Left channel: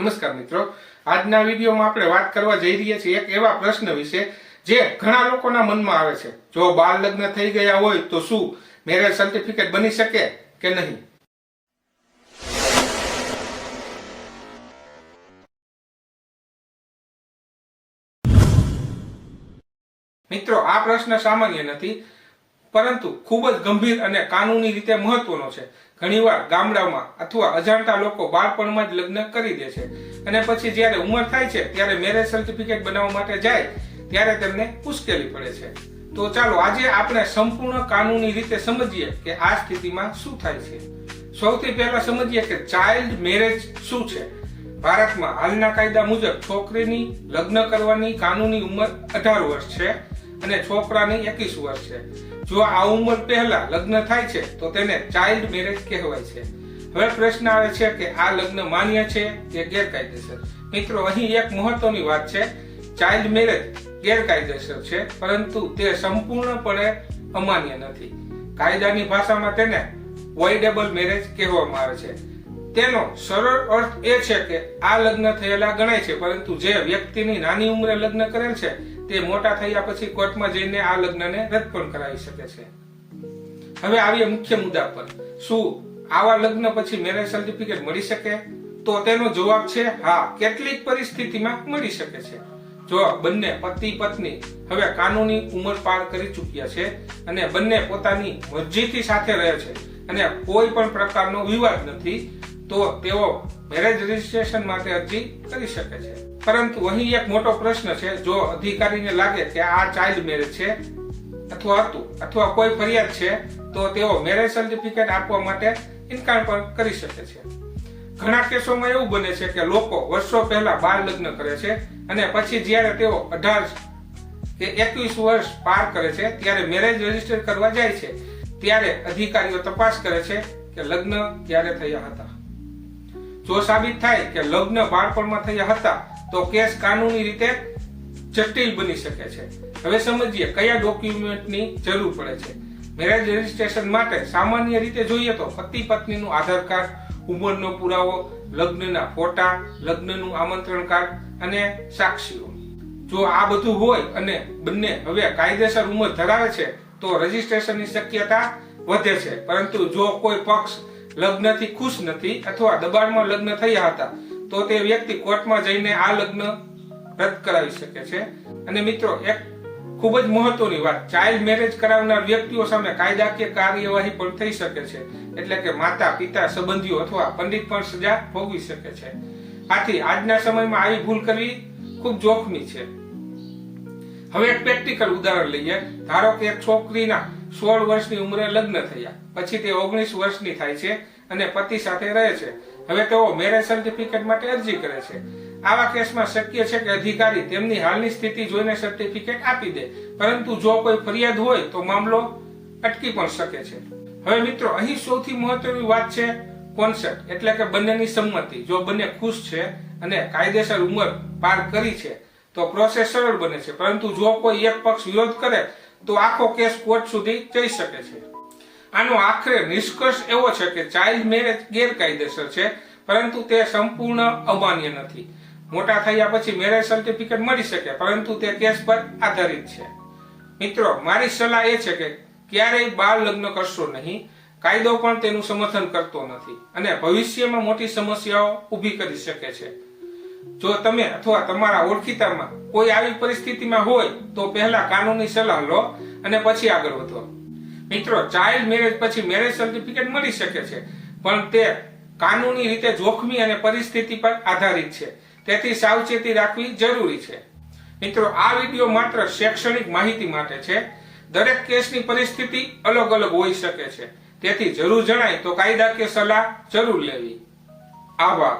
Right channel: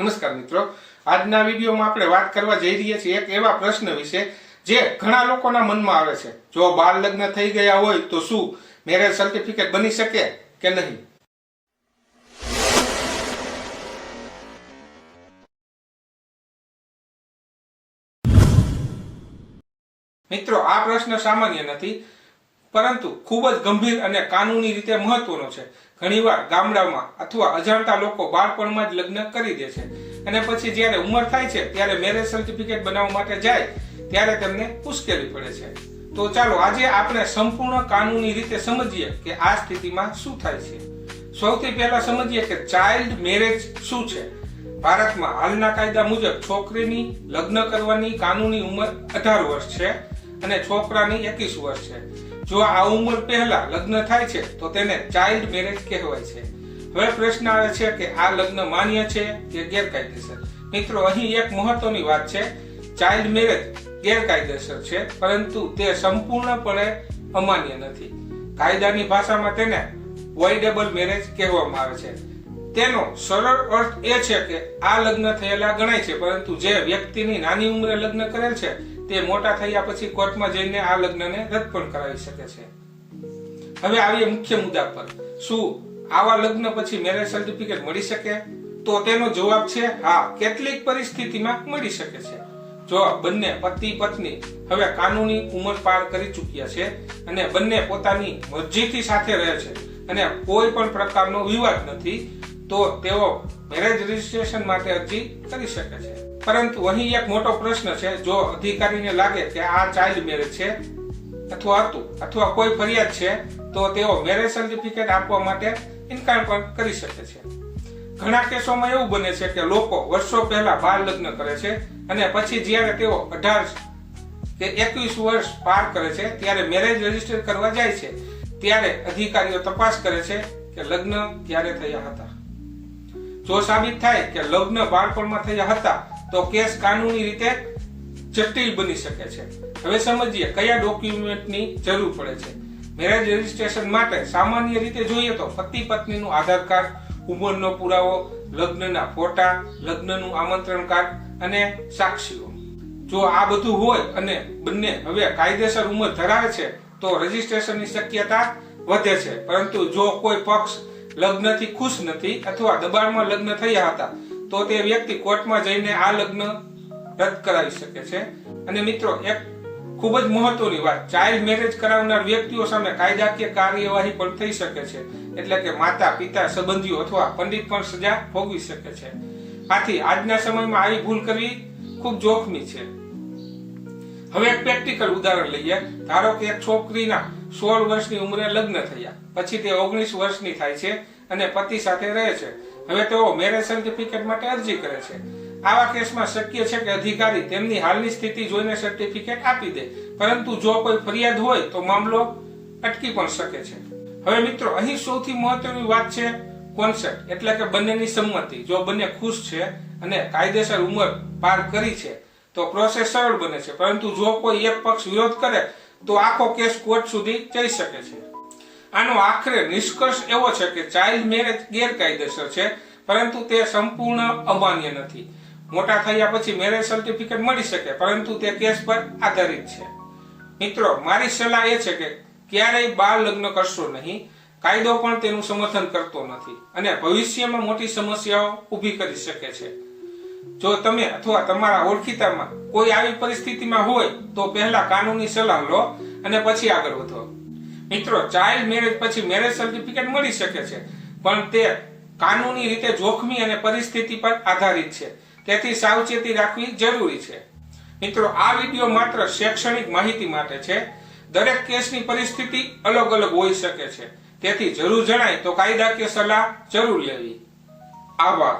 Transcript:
નમસ્કાર મિત્રો, આજના વિડીયોમાં આપણે વાત કરવા જઈ રહ્યા છીએ એક એવા પ્રશ્ન વિશે જે ઘણા લોકોના મનમાં આવે છે। જો બાળ લગ્ન થઈ ગયા હોય તો શું મેરેજ સર્ટિફિકેટ બની શકે કે નહીં? મિત્રો, આ પ્રશ્ન સામાન્ય નથી, પરંતુ ખૂબ જ ગંભીર અને કાનૂની રીતે મહત્વનો છે। ઘણીવાર ગામડામાં અથવા અજાણતા લોકો બાળપણમાં જ લગ્ન કરી દે છે અને પછી જ્યારે ઉંમર થાય છે ત્યારે મેરેજ સર્ટિફિકેટ બનાવવા માટે જાય ત્યારે તેમને મુશ્કેલી પડે છે। તો ચાલો આજે આપણે સંપૂર્ણ કાનૂની રીતે સમજીએ કે આ સ્થિતિમાં શું થાય છે। સૌથી પહેલા સમજીએ કે ચાઇલ્ડ મેરેજ શું છે। ભારતમાં હાલના કાયદા મુજબ છોકરીની લગ્ન કરવાની કાનૂની ઉંમર 18 વર્ષ છે અને છોકરાની 21 વર્ષ છે। જો આ ઉંમર પહેલા લગ્ન થાય છે તો તેને ચાઇલ્ડ મેરેજ કહેવાય છે। હવે પ્રશ્ન આવે છે કે આ લગ્ન માન્ય છે કે ગેરકાયદેસર? મિત્રો, અહીં એક મહત્વની વાત છે, ચાઇલ્ડ મેરેજ ગેરકાયદેસર છે, પરંતુ તે સંપૂર્ણપણે અમાન્ય નથી। કાયદાની ભાષામાં તેને વોઇડેબલ મેરેજ કહેવામાં આવે છે। તેનો સરળ અર્થ એ છે કે આ લગ્ન થયેલા ગણાય છે, પરંતુ જે વ્યક્તિની નાની ઉંમરે લગ્ન કરેલ છે તે મોટા થયા પછી કોર્ટમાં જઈને આ લગ્નને રદ પણ કરાવી શકે છે। હવે આવીએ મુખ્ય મુદ્દા પર, શું આવા લગ્ન પછી મેરેજ સર્ટિફિકેટ મળી શકે? તો તેનો જવાબ છે હા, કેટલીક પરિસ્થિતિમાં મળી શકે છે। જો બંને પતિ પત્ની હવે કાનૂની ઉંમર પાર કરી ચૂક્યા છે અને બંને પોતાની મરજીથી સાથે રહે છે અને કોઈ પણ પ્રકારનો વિવાદ નથી, તો તેઓ મેરેજ રજીસ્ટ્રેશન માટે અરજી કરી શકે છે। પરંતુ અહીં એક મોટો પ્રશ્ન છે, જો અધિકારીને લાગે કે આ ચાઇલ્ડ મેરેજ છે અથવા કોઈ ફરિયાદ છે તો તેઓ મેરેજ સર્ટિફિકેટ આપવા માટે ઇનકાર પણ કરી શકે છે। ઘણા કેસોમાં એવું બને છે કે લોકો વર્ષો પહેલા બાળ લગ્ન કરે છે અને પછી જ્યારે તેઓ 18 કે 21 વર્ષ પાર કરે છે ત્યારે મેરેજ રજીસ્ટર કરવા જાય છે ત્યારે અધિકારીઓ તપાસ કરે છે કે લગ્ન ક્યારે થયા હતા। જો સાબિત થાય કે લગ્ન બાળપણમાં થયા હતા તો કેસ કાનૂની રીતે જટિલ બની શકે છે। હવે સમજીએ કયા ડોક્યુમેન્ટની જરૂર પડે છે। મેરેજ રજીસ્ટ્રેશન માટે સામાન્ય રીતે જોઈએ તો પતિ પત્નીનું આધાર કાર્ડ, ઉંમરનો પુરાવો, લગ્નના ફોટા, લગ્નનું આમંત્રણ કાર્ડ અને સાક્ષીઓ। જો આ બધું હોય અને બંને હવે કાયદેસર ઉંમર ધરાવે છે તો રજીસ્ટ્રેશનની શક્યતા વધે છે, પરંતુ જો કોઈ પક્ષ લગ્નથી ખુશ નથી અથવા દબાણમાં લગ્ન થયા હતા તો તે વ્યક્તિ કોર્ટમાં જઈને આ લગ્ન રદ કરાવી શકે છે। અને મિત્રો, એક ખૂબ જ મહત્વની વાત, ચાઇલ્ડ મેરેજ કરાવનાર વ્યક્તિઓ સામે કાયદાકીય કાર્યવાહી પણ થઈ શકે છે, એટલે કે માતા, પિતા, સંબંધીઓ અથવા પંડિત પણ સજા ભોગવી શકે છે। આથી આજના સમયમાં આવી ભૂલ કરવી ખૂબ જોખમી છે। હવે એક પ્રેક્ટિકલ ઉદાહરણ લઈએ। ધારો કે એક છોકરીના 16 વર્ષની ઉંમરે લગ્ન થયા, પછી તે 19 વર્ષની થાય છે અને પતિ સાથે રહે છે। હવે તેઓ મેરેજ સર્ટિફિકેટ માટે અરજી કરે છે। આવા કેસમાં શક્ય છે કે અધિકારી તેમની હાલની સ્થિતિ જોઈને સર્ટિફિકેટ આપી દે, પરંતુ જો કોઈ ફરિયાદ હોય તો મામલો અટકી પણ શકે છે। હવે મિત્રો, અહીં સૌથી મહત્વની વાત છે કોન્સેન્ટ, એટલે કે બંનેની સંમતિ। જો બંને ખુશ છે અને કાયદેસર ઉંમર પાર કરી છે તો પ્રોસેસ સરળ બને છે, પરંતુ જો કોઈ એક પક્ષ વિરોધ કરે તો આખો કેસ કોર્ટ સુધી જઈ શકે છે। આનો આખરે નિષ્કર્ષ એવો છે કે ચાઇલ્ડ મેરેજ ગેરકાયદેસર છે, પરંતુ તે સંપૂર્ણ અમાન્ય નથી। મોટા થયા પછી મેરેજ સર્ટિફિકેટ મળી શકે, પરંતુ તે કેસ પર આધારિત છે। મિત્રો, મારી સલાહ એ છે કે ક્યારેય બાળ લગ્ન કરશો નહીં। કાયદો પણ તેનું સમર્થન કરતો નથી અને ભવિષ્યમાં મોટી સમસ્યાઓ ઊભી કરી શકે છે। જો તમે અથવા તમારા ઓળખીતામાં કોઈ આવી પરિસ્થિતિમાં હોય તો પહેલા કાનૂની સલાહ લો અને પછી આગળ વધો। મિત્રો, ચાઇલ્ડ મેરેજ પછી મેરેજ સર્ટિફિકેટ મળી શકે છે, પણ તે કાનૂની રીતે જોખમી અને પરિસ્થિતિ પર આધારિત છે, તેથી સાવચેતી રાખવી જરૂરી છે। મિત્રો, આ વિડીયો માત્ર શૈક્ષણિક માહિતી માટે છે। દરેક કેસની પરિસ્થિતિ અલગ અલગ હોઈ શકે છે, તેથી જરૂર જણાય તો કાયદાકીય સલાહ જરૂર લેવી। આભાર।